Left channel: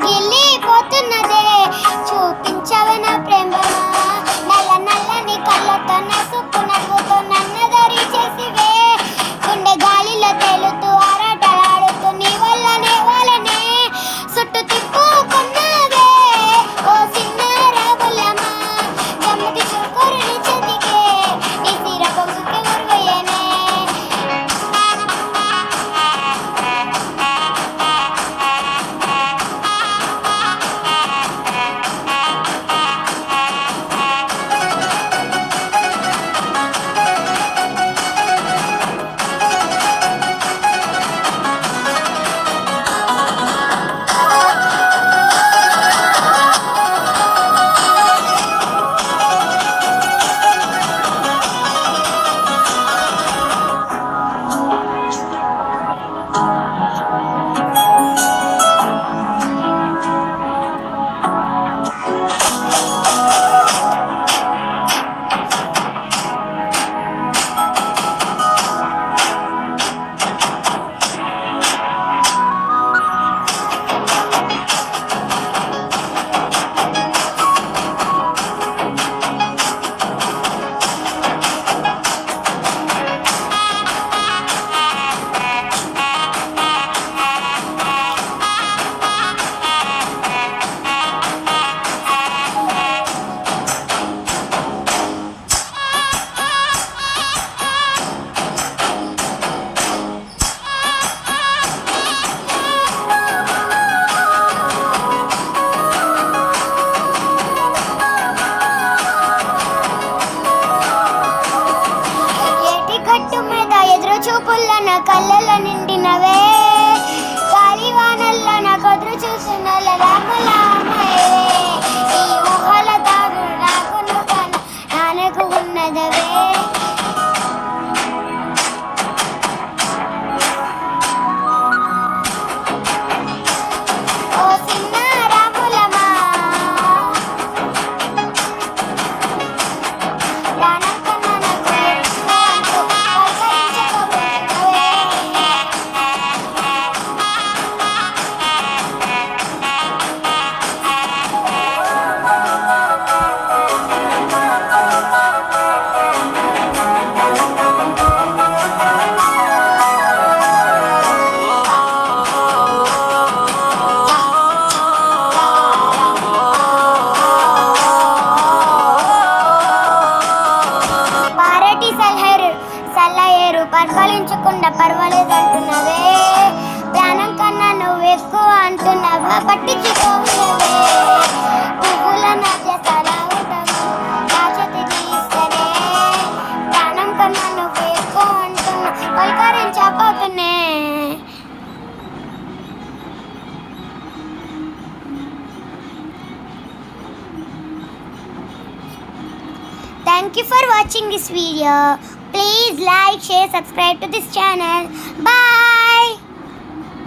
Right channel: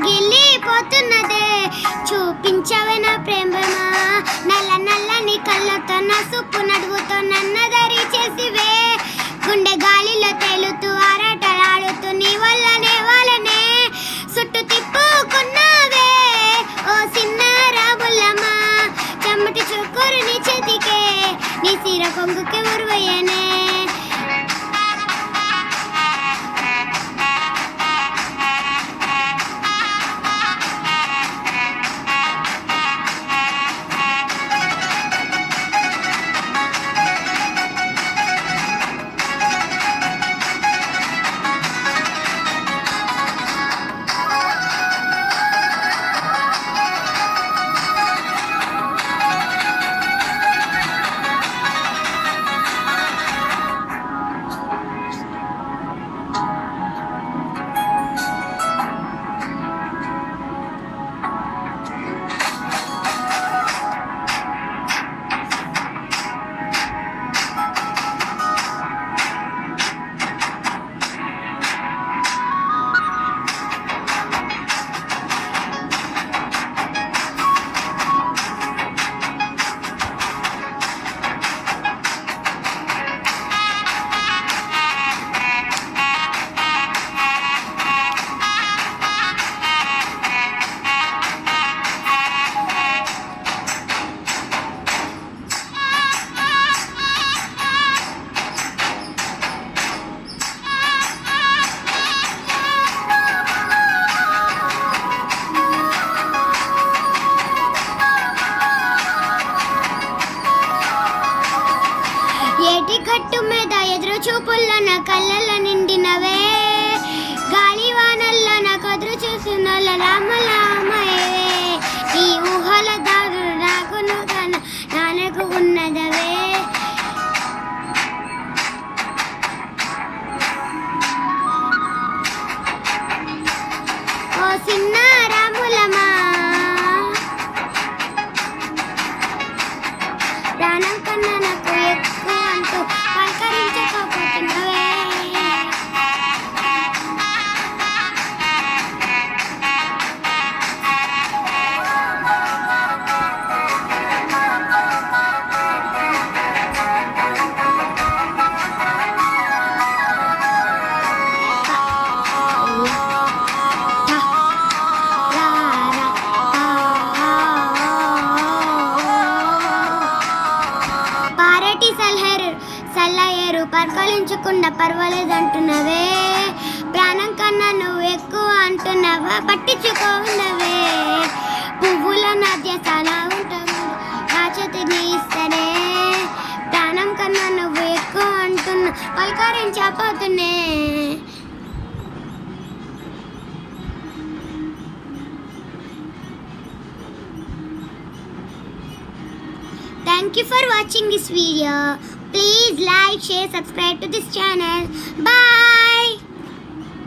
పగిలిపోతున్నదే. చూపించవే నా ప్రేమమా, నల్ల నల్లని కళ్ళతో నా సుప్పు నడువుతో నన్నదరి చేసివే. గుండె గాలిలో తేలుతూ ఆరాటలాడుతూ నీ వల్లనే వాళ్ళనే చుట్టూ తిప్పుకున్నావే. ఓ చిన్న రాములమ్మా, చెమ్మటి చుక్కరు నీ చేతికే, నీ సిర పొంగుకే ఉరువయ్యనే. ఏటి గట్టు మీద ఎదురు చూపుల్లో నా కళ్ళలో నిండినవే. గాలి వానల్లో నా కొదురు చూసిన రాములామయ్యే. ఈ ఊహల దారు నాకును నానకు ఉన్నదవే. ఓ చిన్న రాములమా, ప్రాణం కన్నా నాకు ఎక్కువ అంటూ పలకరించకపోతున్నవే. పారటి సల్లయేరు పర్కలించకుండా పర్వాలేదంటున్నవే. ప్రాణం కన్నా నువ్వు ఎక్కువ అంటున్నావా, పట్టించుకోనవే. పువ్వుల మధ్య తలా ఉంటావు కాచతి ఇస్తనే. ప్రాణం కన్నా నువ్వు ఎక్కువ అంటున్నా పలకరించపోతున్నే. Thank you for watching this video. Please like, share, subscribe to this channel. Bye.